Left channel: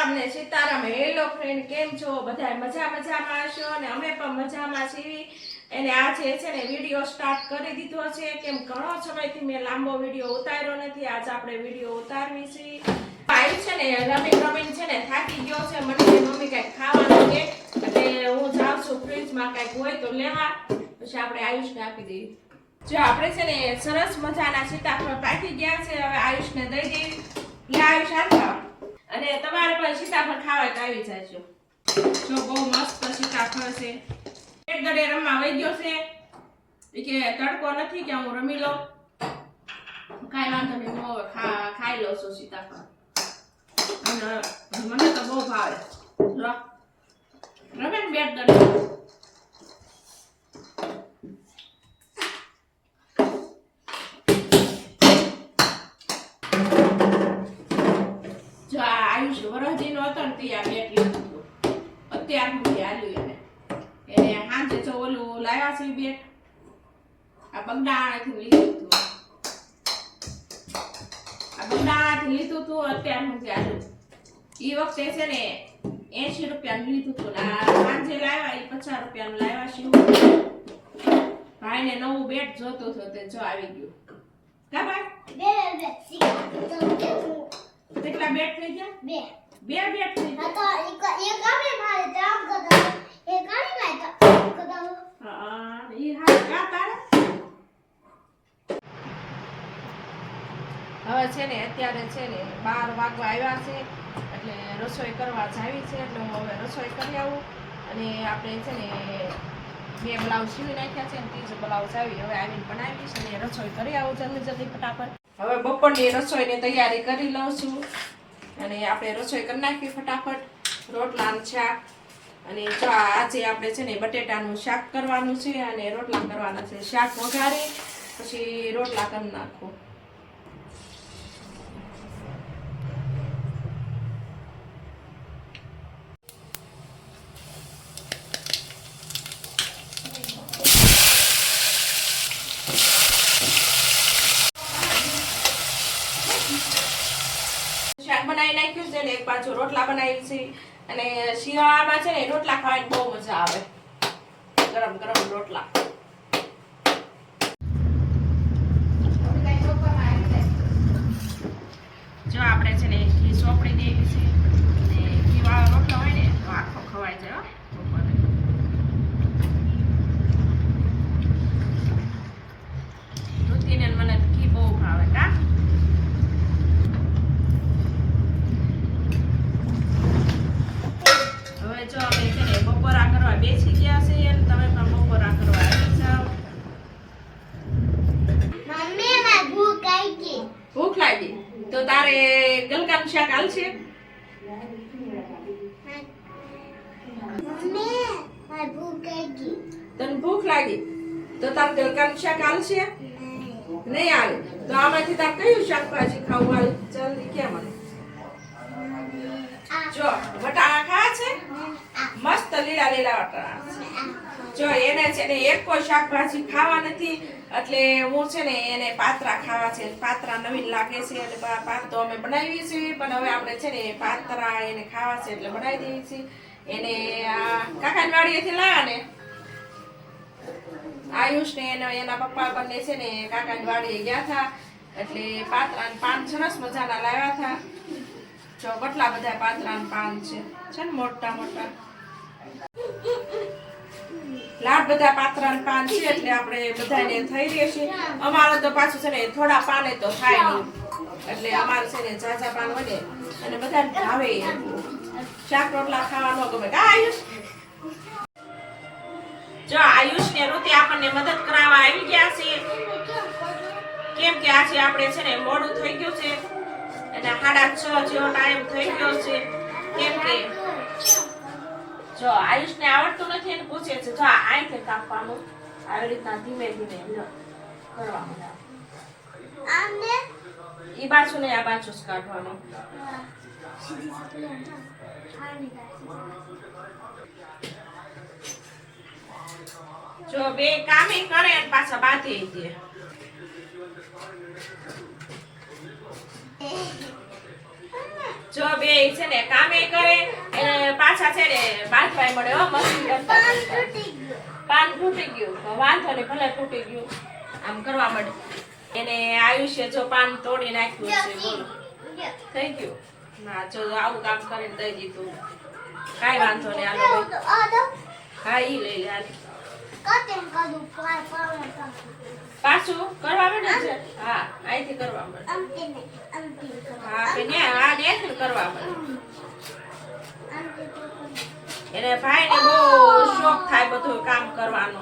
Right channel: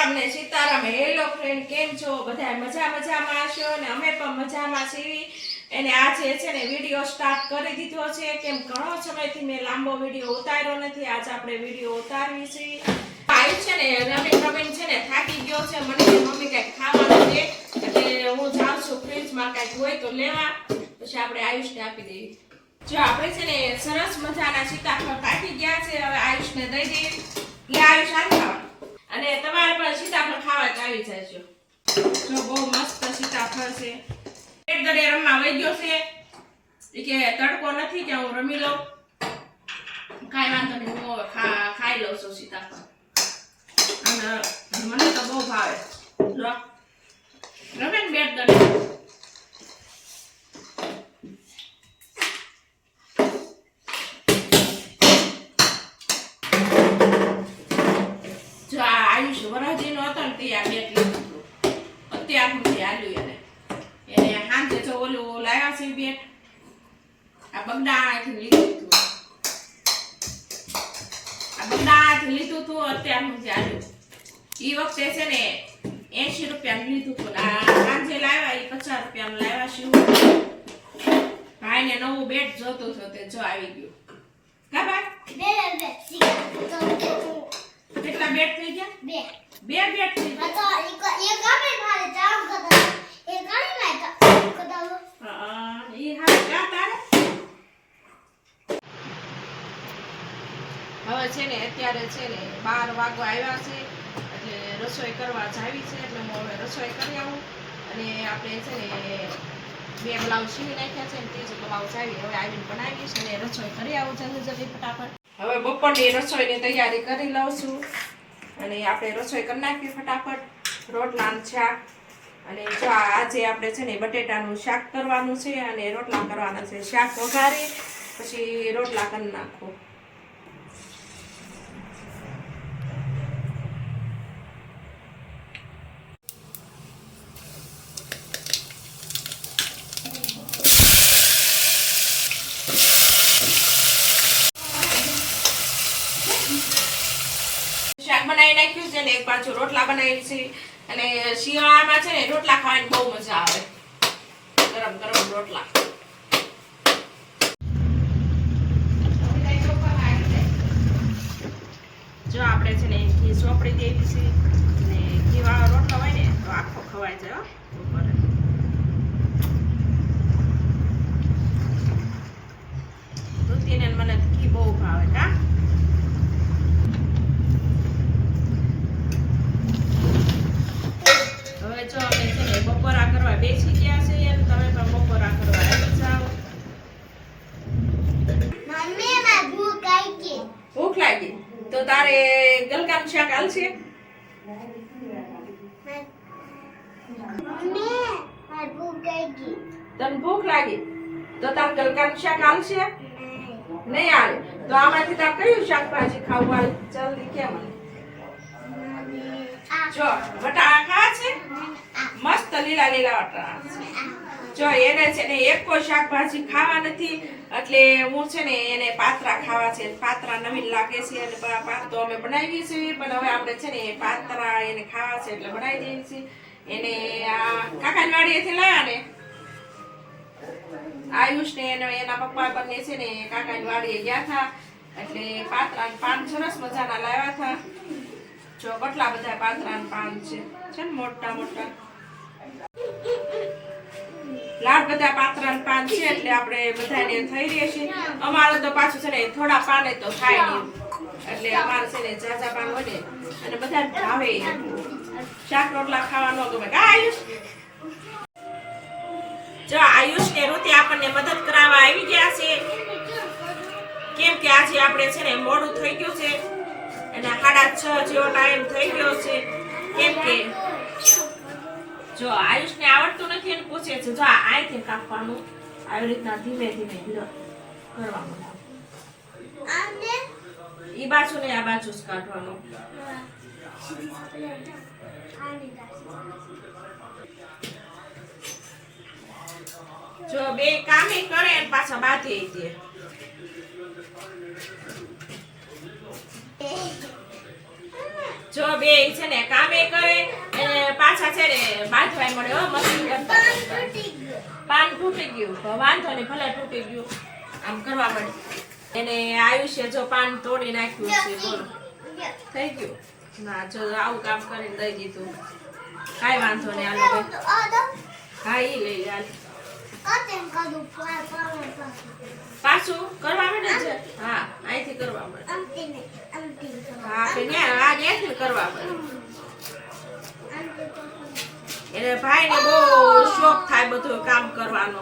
રામ ને Sitaram. Hello friend, કેમ છો? બધા મજામાં છો અને અમે પણ મજામાં છીએ. અને આજે છે ને વિડીયો સ્ટાર્ટ કરી દીધો છે. કેમ ઘણો સમયથી મેં લાંબો વિડીયો ઉતાર્યો નથી. આજ આપણે વિડીયો ઉતારવી છે. આયુ છે ને રમીન છે ને થાકી ગયો છે. મને કે મમ્મી કઈ ખાવાનું દે, એટલે હું જાઉં છું ફ્રીજમાં કઈક હોય તો લેવા, પછી આપણે આયુષને આપી દેવી. જો આપણે છે ને સરસ મજાના સીતાફળ કાઢી ગયા છે. હવે આયુષને દઈ દેવી. લે આયુષ, હાલ ખાવા. અને તમારે પણ સીતાફળ ખાવા તો આવી જાજો. જો બહુ મસ્ત સીતાફળ છે. એક ગળે રમવા વઈ ગયો છે. એ કે તડકો નથી કે હું રમી લઉં. કાંઈ વાંધો નહીં, હું ખાઈ લઉં છું સીતાફળ. અને મને તો બહુ ભાવે. લો રમે ને બેટ ગળે. વરજીનો હતો ને તે આ બેટ લીધું હતું. અત્યારનું આલ્યું એને હાંજે જો ઓલું લાવ્યા છે બેટ, આ બગડાથી લીધું હતું. આ બગડાથી લીધું હતું, અત્યારનું આલ્યું. એ વખતે છે ને 80 રૂપિયાનું લીધું હતું. આ હાંજે લાવ્યા એ 50 રૂપિયાનું લાવ્યા છે. ભાઈને નવું બેટ જોતું હતું તે જો આવી ગયું. કા ભાઈ? કેટલા બેટ થઈ ગયા? બે બેટ થઈ ગયા. તો એક આપણે મારે જામ કરતો, એક આની મે કરતો. હા, ઈ હા કા તારે. હવે છે ને અત્યારે છે ને 12 વાગવા આવ્યા છે, એટલે રસોઈ કરવા જાવી છે. એટલે હું હવે રસોઈ કરી આવું. અને આપણે છે ને 2 બ્લાઉઝ સીવી નાખ્યા છે ને 3 બ્લાઉઝ આવી. હવે આવીને બનાવીશ અને રસોઈ કરી આવું જલ્દી ફટાફટ. હવે બપોરની રસોઈની તૈયારી કરી લઉં છું. અને આપણે રસોઈ કરી નાખીએ ફટાફટ. રોટલાનું શાક અને જો આજે આપણે છે ને બટેટાનું શાક કરવાનું છે અને રોટલા કરવાના છે. શાક વઘારી પછી રોટલા કરી નાખો. શાક બનાવી નાખ્યું છે ને એક પાછું રોટલા બનાવી છે. અને શિયાળામાં છે ને રોટલા ખાવાની બહુ મજા આવે. ગરમ ગરમ રોટલા. જો આપણે છે ને ઘી સોપડી દેવી છે. અને ઘી વાળો રોટલો હોય ને તો આખો ખવાઈ જાય બપોરે. ધોતીને મને ઘી બહુ ભાવે. કા જો અમે છે ને બપોરા કરવા બેસી ગયા છે અને તમે પણ બપોરા કરવા આવી જાઓ. મમ્મી માર ભૂખ લાગી. ભૂખ લાગી તો તારે ગલકાનું શાક હાલશે? મમ્મી માર ભૂખ લાગી. તને ભૂખ લાગી તો તારે ગલકાનું શાક હાલશે? નહીં હાલે તો આમાંથી તારે કયું શાકભાજી ખાવું હાલે? જલ્દી કે મને. જો બટાકા ખાવા છે, મસ્ત લીલા વટાણા છે. જો એને છે ને એક કોઈ શાકભાજી ખાવા નથી, એટલે હું છે ને એને પાત્રા ખાવા છે. પાત્રા નવીન લાગે છે એટલે પાત તો અમે બનાવીએ છીએ, પણ હવે આપણે છે ને પાત્રા એને ખાવા છે એટલે બનાવી દઈએ છીએ. એને આ કાકાની વાડીએથી લાવ્યા ને આયુષ ને એના પપ્પા બંને છે ને કાકાની વાડીએ ગયા હતા, એટલે પાત્રા પાન સરસ મજાના લાવ્યા હતા. જો કેટલા બધા પાત્રાના પાન છે ને મોટા મોટા. લાડ બધા પાત્રાના પાન છે એટલે આપણે બધાને થઈ રહેશે. અમારે તો પાછું છે ને થોડા પાને તો થાય નહીં, એટલે અમારે છે ને ઝાઝા પાન હોય ને અને બધાને ભાવે. શાક રોટલા ખાવા ન ગમે. કા આયુષ? જો આયુષ ને ઋતિ આપણને મદદ કરાવવા આવી ગયા છે. કેમ કે આજે આપણે છે ને મોડું થઈ ગયું છે અને 6:30 જેવો ટાઈમ થઈ ગયો છે. કેમ કે જો આયુષને આવડતું નથી એને પૂછે છે. જો અહીંથી કાપવાનું આવી રીતના ધીમે ધીમે કરવાનું. આને ઈ બાજુ ને આ બાજુ જ કાઢવાનું. જો બે કામે કરે અને પાછા બાંધે દે. જો બે છે ને કામે કરે અને પાછા છે ને બાંધવાય મળે હો મસ્તી કરતા પાન તૂટી ગયું તો વાંધો નહીં ભલે તૂટી ગયું આમ કરવા મળે એને આયુષ્ય જો પાન તોડી નાખ્યું છે બોલો થઈ ગયું ના જો આવું કામ કરીને દઈ દીધું કાંઈ વાંધો નહીં હાલો હા ઈ લઈ લે પાછું કરવા માંડે છે હા અહીંથી કરવા માંડે હા કે ન્યાથી કરવા માંડે એને ભાઈને બહુ શોખ થાય બધું કામ કરવાનો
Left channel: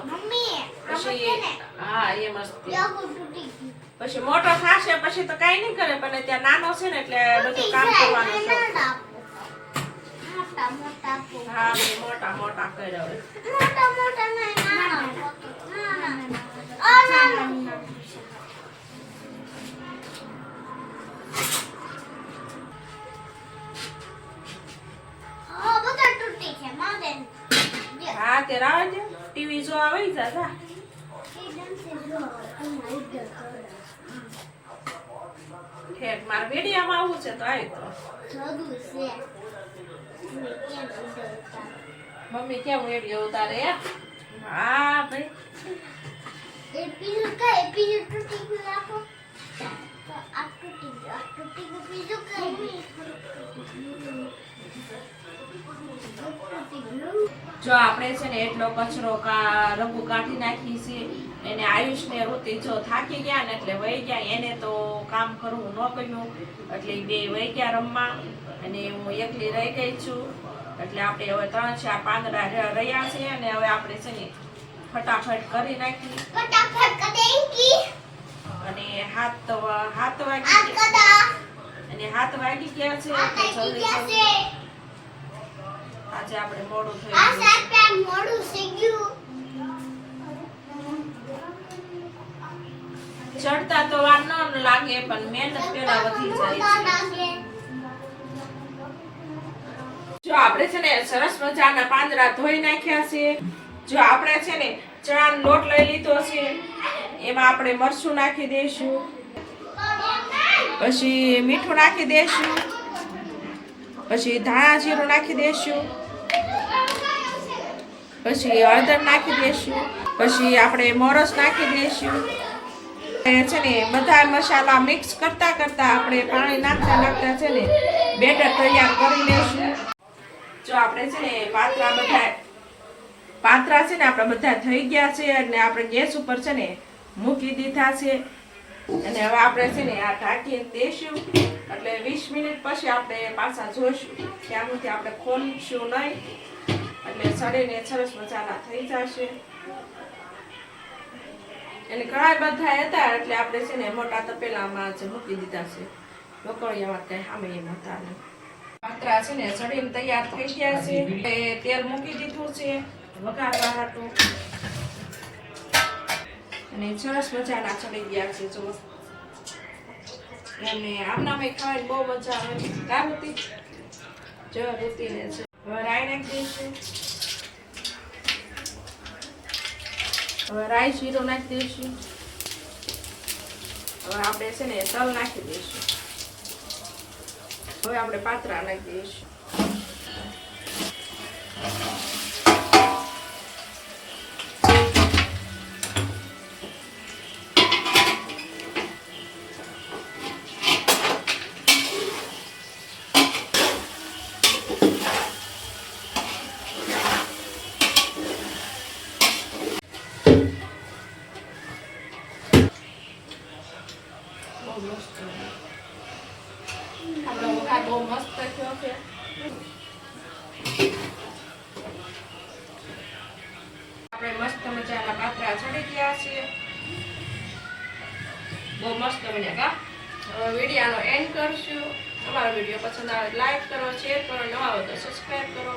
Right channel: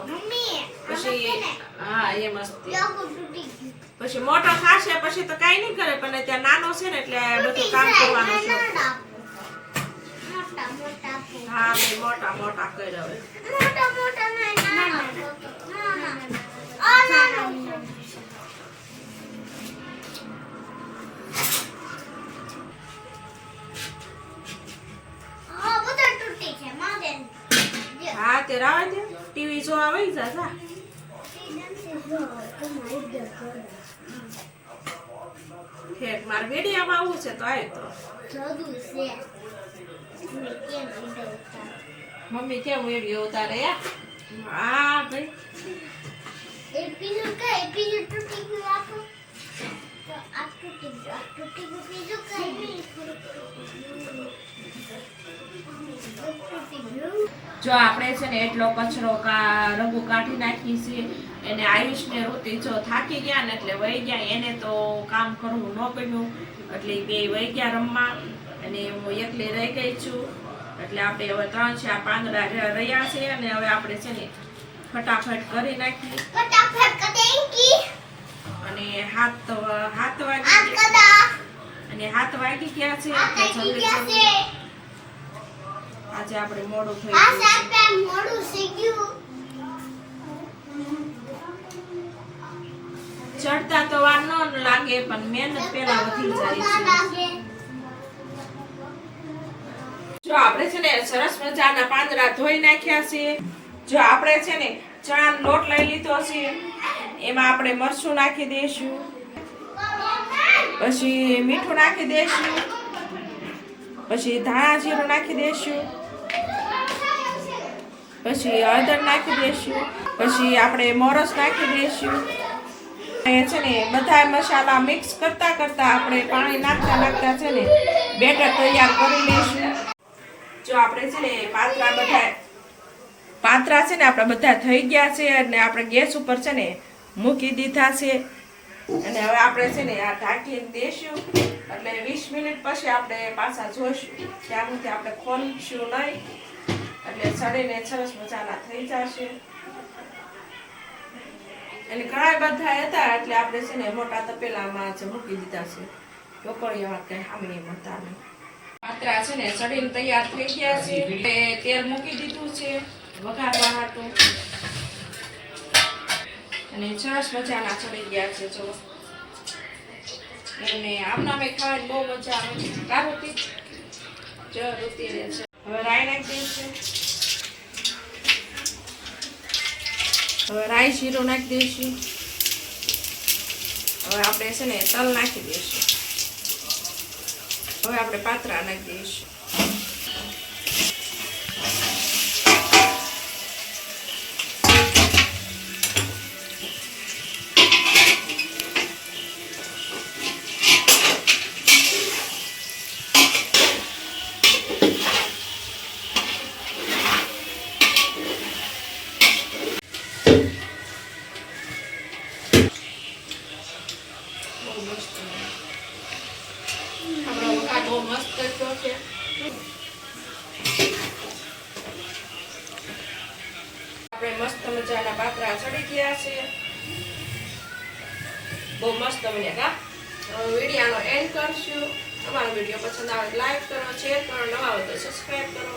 પછી હા એ મસ્તી પછી મોટો થશે પછી તો કાઈ નહીં કરે પણ ત્યાં નાનો છે ને એટલે બધું કામ કરવાનો શોખ હા મેં મોટા મોટા કર્યા હવે હા તે રાવે છે ટીવી જો આવે જા જા ઠેક માર વિડીયોમાં આવવું છે તો આવી તો મમ્મી કેમ વિડીયો ઉતારે હા ભાઈ જો આપણે છે ને એટલો કચરો રંગુ કાઢી નાખી છે એને આયુષ ને ઋતિ જો થાકી ગયા ને એટલે વહી ગયા એને તો કામ કરવું ન ગમ્યું એટલે બે વહી ગયા રમવા અને હું એકલી રહી ગઈ છું એટલે આપણે હવે 3-4 પાંદડા રહ્યા છે અને હવે આપણે છે ને ફટાફટ કરી નાખી અને હાથ વાગી ગયા છે આજે આપણે મોડું થઈ ગયું ચડતા તો વાર ન લાગે પણ મહેનત પેલા વધી જાય છે જો આપણે છે ને સરસ મજાના પાંદડા ધોઈ નાખ્યા છે જો આપણે છે ને ચણાનો લોટ લઈ લીધો છે એમાં આપણે મરચું નાખી દઈશું પછી મીઠું નાખી દઈશું પછી ધાણા જીરું નાખી દઈશું પછી હળદર નાખી દઈશું પછી આપણે મોરસ નાખી દઈશું છે ને બધા મસાલા મિક્સ કરતા કરતા આપણે પાણી નાખતા છે ને બેટર તૈયાર કરી લઈશું જો આપણે છે ને પાત્રા છે ને આપણે બધા થઈ ગયા છે અને આપણે ગેસ ઉપર છે ને મૂકી દીધા છે અને હવે આપણે છે ને આ ઢાંકીને દેશું એટલે 20 મિનિટ પછી આપણે પાછા જોઈશું ત્યાં સુધી આપણે ખોલશું નહીં એટલે સડીને સરસ મજાના થઈ જશે એટલે ઘણા બધા હતા એટલે આપણે છે ને મોટા તપેલામાં જ મૂકી દીધા છે ઢોકળિયામાં કઈ સામે એમ હતા ને પાત્રા છે ને સડીને તૈયાર થઈ ગયા છે તેલ મૂકી દીધું છે વઘારવા હાટું અને સરસ મજાના ચડી ગયા છે જો એમને આમના મેં ખાવાની બહુ મજા આવે છે કા ઋતિ જો ઋતિ રહે છે હવે રાઈ નાખી દઈશું હવે રાઈ જીરું નાખી દઈશું હવે આપણે છે ને તલ નાખી દઈશું હવે આપણે પાત્રા નાખી દઈશું બહુ મસ્ત થયો છે આપણે મસ્ત મજાના પાત્રા ચડી ગયા છે બહુ મસ્ત બન્યા કા વિડીયોનો એન્ડ કરશું અમારો વિડીયો પસંદ આવે લાઈક કરો શેર કરો નવા હોય તો સબસ્ક્રાઇબ કરો